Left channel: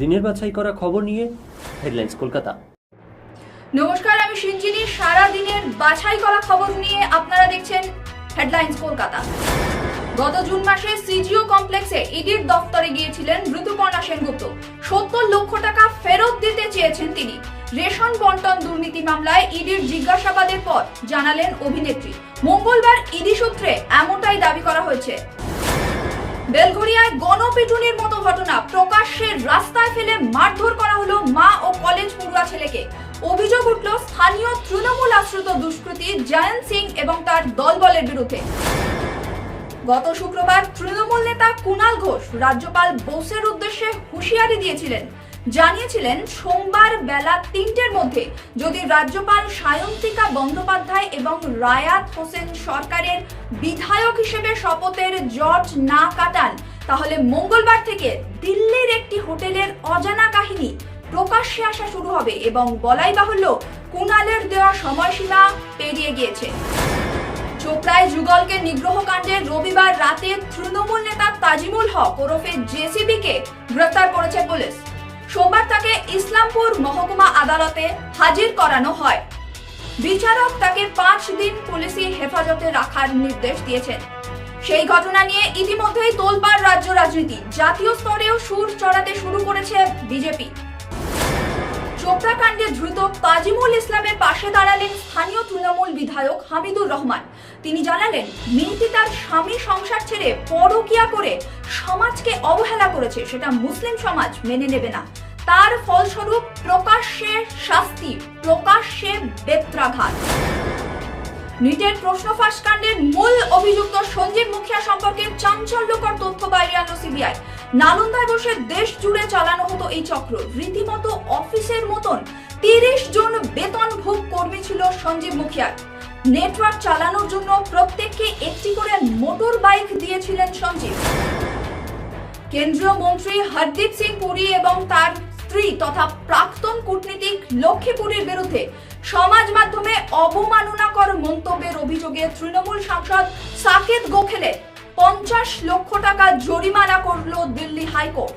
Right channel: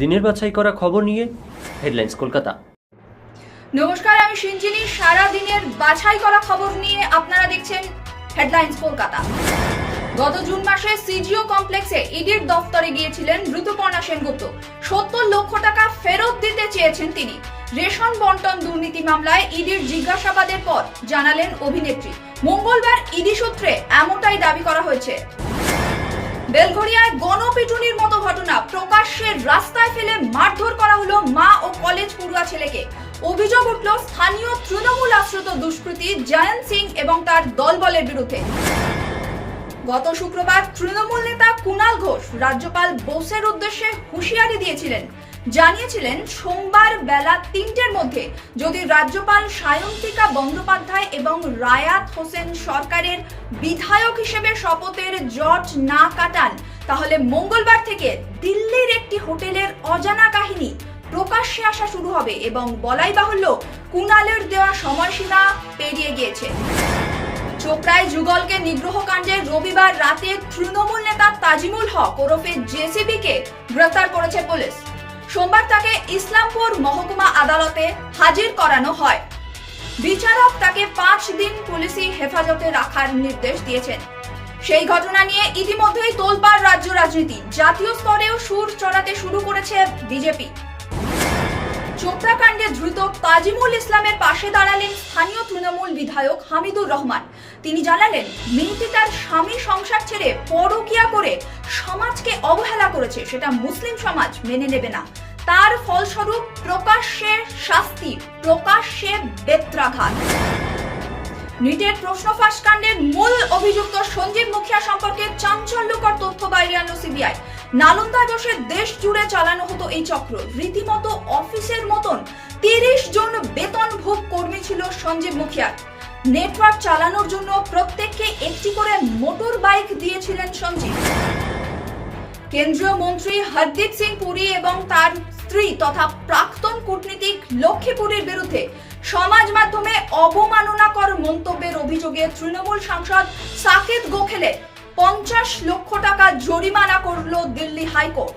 দিনের বাছাই করা খবর নিয়ে হেডলাইন্স কলকাতা। নমস্কার, আমি সিঞ্জিনী সারা দিনের বাছাই করা খবর নিয়ে আপনারা দেখছেন হেডলাইন্স কলকাতা। গত জুন মাসে সিজিও কমপ্লেক্সে ইডির দফতরে গিয়েছিলেন ঋতুপর্ণা সেনগুপ্ত। সত্তর লক্ষ টাকা ফেরত দিতে চেয়েছেন তিনি। রেশন বন্টন দুর্নীতি মামলায় ইডির জিজ্ঞাসাবাদের পর জানালেন অভিনেত্রী। মঙ্গলবার ইডি সূত্রে এমনটাই দাবি করা হয়েছে। বেলঘরিয়ায় গণপিটুনির মতো ঘটনা প্রকাশ্যে রাস্তায় ফেলে মারধর করা হলো মা ও কলেজ পড়ুয়া ছেলেকে। অভিযোগ উঠল স্থানীয় তৃণমূল আশ্রিত দুষ্কৃতী জয়ন্ত সিং এবং তার দলবলের বিরুদ্ধে। গত শুক্রবার তৃণমূল নেতা কুণাল ঘোষ রাজ্যপাল বোসের উদ্দেশ্যে হুঁশিয়ারি দিয়েছিলেন। জানিয়েছিলেন, সোমবার বেলা তিনটের মধ্যে যদি রাজ্যপাল সায়ন্তিকা বন্দ্যোপাধ্যায় এবং রায়াত হোসেন সরকারের বিধায়ক হিসেবে শপথের জট না কাটান, তাহলে মঙ্গলবার থেকে দিল্লির একটি হোটেলের অজানা কাহিনী প্রকাশ্যে আসা শুরু হবে এবং বলাই বাহুল্য কুণালের দেওয়া সময়সীমা পেরিয়ে গিয়েছে। চোপড়ায় যুগলকে নিগ্রহ কাণ্ডে রবিবার রাতে তৃণমূল নেতা তাজিমুল হক ওরফে জেসিবি কে গ্রেফতার করেছে পুলিশ। সোমবার তাকে ইসলামপুর মহকুমা আদালতে হাজির করানো হয়। বিচারক তাকে পাঁচ দিন পুলিশি হেফাজতে রাখার নির্দেশ দিয়েছেন। সেই ঘটনা নিয়ে ইতিমধ্যেই তোলপাড় রাজ্য রাজনীতি। জাতীয় স্তরেও সুর চড়াতে শুরু করেছে বিজেপি। চোপড়া কাণ্ডে ধৃত তাজিমুল ইসলামের পাশে দাঁড়ালেন স্থানীয় তৃণমূল বিধায়ক হামিদুর রহমান। তিনি জানালেন, মেয়েটি তার স্বামী সংসার ছেড়ে পরকিয়া করে সমাজকে অবহেলা করেছে। সেটা মুসলিম সমাজ মেনে নেবে না। তার ফলস্বরূপ প্রকাশ্যে শাস্তি, প্রকাশ্যে বেত্রাঘাত। নিটের প্রশ্ন ফাঁস কাণ্ডের মূল অভিযুক্ত সঞ্জীব মুখিয়া সম্পর্কে চাঞ্চল্যকর তথ্য বাইরে আনলো সিবিআই। নালন্দায় বসে দেশ জুড়ে চালানো হতো এই চক্র। রীতিমতো অফিসের মতন তিরিশ জন বেতনভোগ কর্মী ছিল সঞ্জীব মুখিয়ার। নেটওয়ার্ক চালানোর জন্য প্রত্যেককে একটি করে মোটর বাইক দিয়েছিলেন সঞ্জীব। কেন্দ্রীয় মন্ত্রী হরদীপ সিং পুরী এবং তার স্ত্রী তথা প্রাক্তন কূটনীতিক লক্ষ্মীপুরীর বিরুদ্ধে সমাজ মাধ্যমে অবমাননাকর মন্তব্যের অভিযোগে তৃণমূল সাংসদ সাকেত গোখেলে পঞ্চাশ লক্ষ টাকা জরিমানা করল দিল্লি হাইকোর্ট।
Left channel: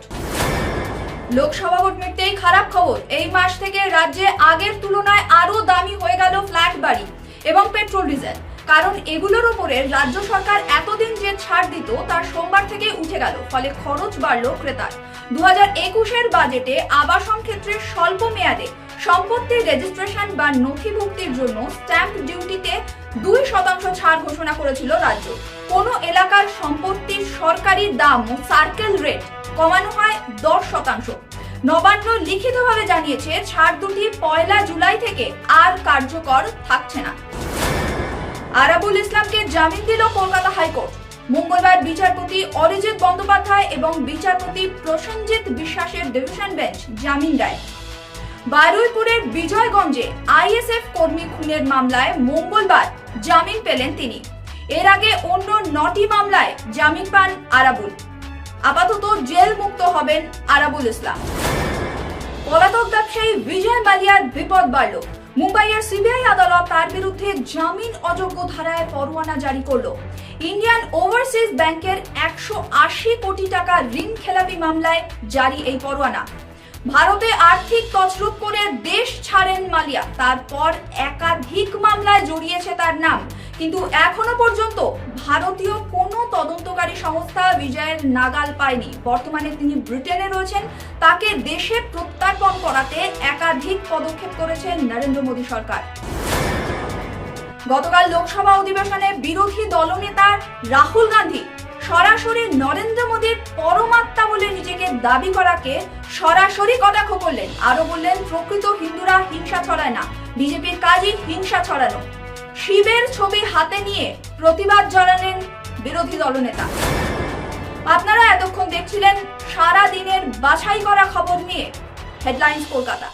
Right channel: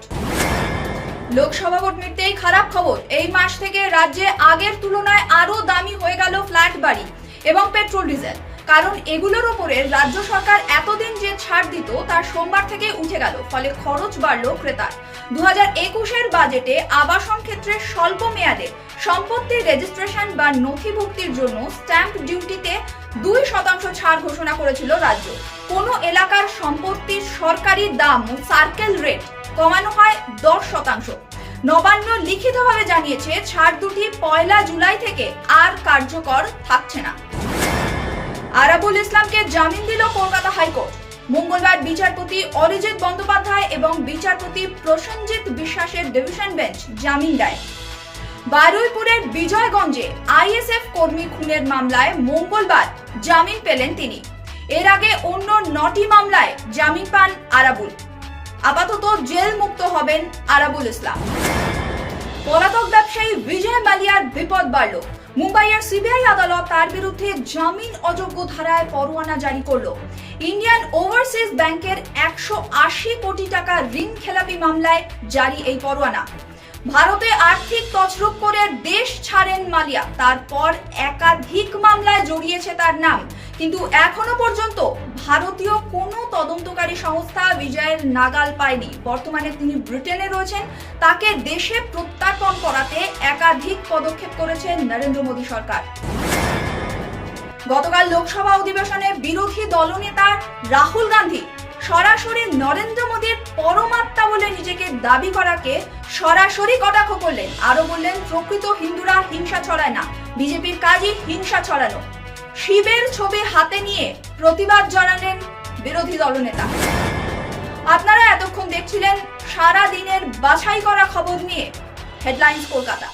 লোকসভা ভোট মিটতেই খারাপ খবর। এই মাস থেকে রাজ্যে আগের তুলনায় আরও দামি হয়ে গেল ফ্ল্যাট বাড়ি এবং পেট্রোল ডিজেল। কারণ এগুলোর উপরে রাজ্য সরকার এতদিন যে ছাড় দিত তার সোমবার থেকে উঠে গেল। ফলে খরচ বাড়ল ক্রেতার। দু হাজার একুশের বাজেটে আবাসন ক্ষেত্রে স্বল্প মেয়াদে সম্পত্তির রেজিস্ট্রেশন বা নথিভুক্তির জন্য স্ট্যাম্প ডিউটিতে দুই শতাংশ ছাড় ঘোষণা করেছিল রাজ্য। কোনো এলাকার সম্পত্তির সরকারি দাম সার্কেল রেট কমানো হয় দশ শতাংশ। নবান্ন লিখিতভাবে জানিয়েছে, ছাড় দুটি পয়লা জুলাই থেকে আর কার্যকর থাকছে না। আরাবুল ইসলামকে জামিন দিল কলকাতা হাইকোর্ট। মঙ্গলবার বিচারপতি অরিজিৎ বন্দ্যোপাধ্যায় এবং বিচারপতি প্রসেনজিৎ বিশ্বাসের ডিভিশন বেঞ্চ জামিন দেয়। বারুইপুরের বিজয়গঞ্জে আইএসএফ কর্মী খুনের মামলায় মঙ্গলবার জামিন পেলেন তিনি। এর আগে অন্য নটি মামলায় জামিন পান আরাবুল। আপাতত জেল মুক্ত হবেন আরাবুল ইসলাম। পলাতক ব্যবসায়ী বিজয় মালিয়ার বিপদ বাড়ল। মুম্বাইয়ের সিবিআই আদালত তার বিরুদ্ধে জামিন অযোগ্য ধারায় পরোয়ানা জারি করল। ইন্ডিয়ান ওভারসিজ ব্যাংকের একশো আশি কোটি টাকা ঋণ খেলাপি মামলায় জারি এই পরোয়ানা। ভারতে আর্থিক তছরূপ করে দেশ ছাড়েন মালিয়া। তারপর একাধিক মামলায় জড়িয়েছে তার নাম। কিন্তু এখনও পর্যন্ত ভারতীয় কোনো তদন্তকারী সংস্থা বিজয়ের নাগাল পায়নি। বর্তমানে তিনি ব্রিটেনে রয়েছেন। তাকে দেশে প্রত্যার্পণ করাতে একাধিক পদক্ষেপ করেছেন নরেন্দ্র মোদী সরকার। গতকাল লোকসভা অধিবেশনে বিরোধী দলনেতা রাহুল গান্ধী সরাসরি নরেন্দ্র মোদীর পরমাত্মা বলে নিজেকে দাবি করাকে সরাসরি কটাক্ষ করলেন। আরও বললেন, প্রকৃত হিন্দুরা হিংসা ছড়ায় না, বিজেপির কাজই হিংসা ছড়ানো। শিবের ছবি হাতে নিয়ে প্রতিবাদ জানালেন বিরোধী দলনেতা। আপনারা এতক্ষণ দেখছিলেন সারা দিনের বাছাই করা খবর নিয়ে হেডলাইন্স কলকাতা।